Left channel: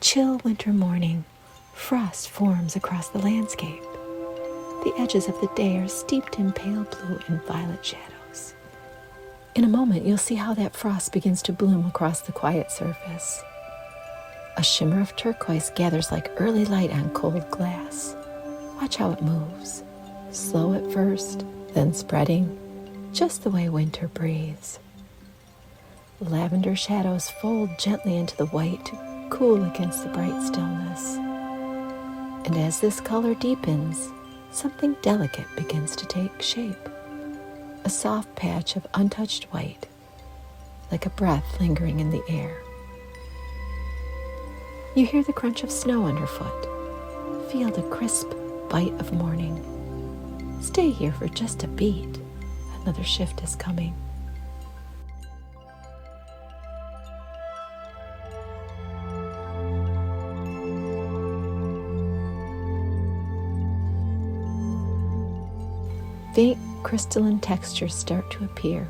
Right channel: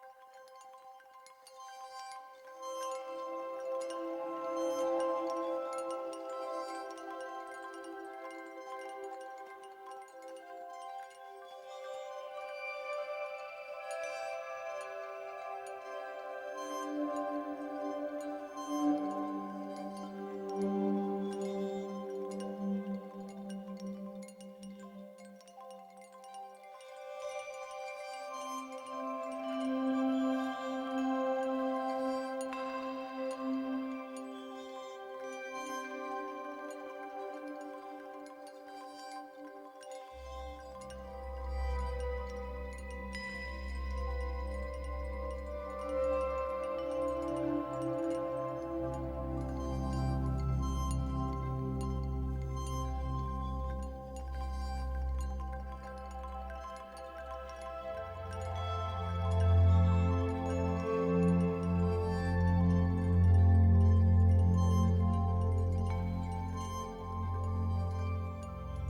chill winter morning, frost forms across the landscape. The edges of the day are steeped in pale blue and violet shadows. In a moment, you'll see how that frost begins to bloom across the quiet surface. A shimmer of turquoise gathers like early light on cold glass. Watch how it moves, slow at first, then spreading, just the way winter breathes. Lavender shadows fold gently into the white to cool against the bright stillness. And as this color deepens, something delicate begins to take shape. A soft patch of untouched white, like a breath lingering in the air. You hear the crunch of snow underfoot. Feel the crisp bite of morning. Stay here for just a beat. Another shift is coming. Faint crystalline textures start to appear,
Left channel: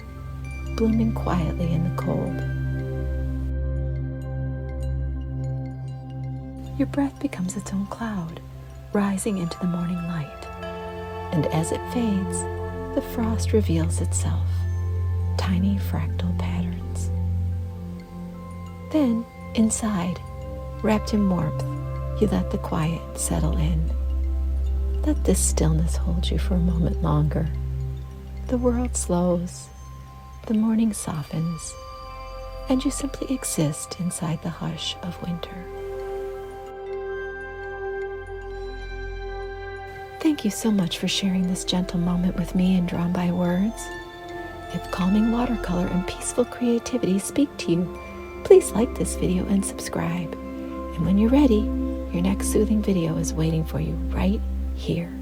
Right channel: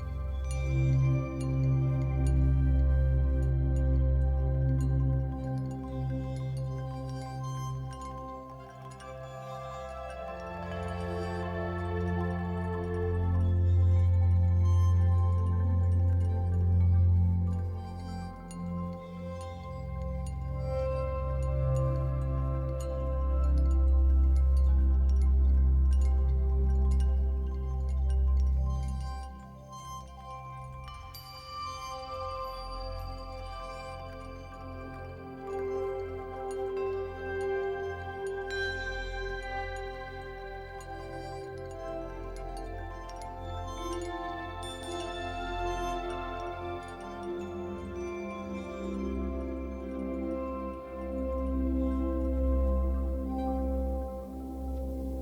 blooming quietly in the cold. Your breath becomes its own cloud, rising into the morning light. And as it fades, the frost reveals itself, tiny fractal patterns. Then, inside, wrapped in warmth, you let the quiet settle in. Let this stillness hold you for a moment longer. The world slows, the morning softens, and you simply exist inside the hush of winter. Thank you so much for sharing this gentle moment with me in Drawn by Words. If calming watercolor and peaceful creativity speak to you, please like this video and subscribe. And when you're ready, your next soothing video is waiting for you right here.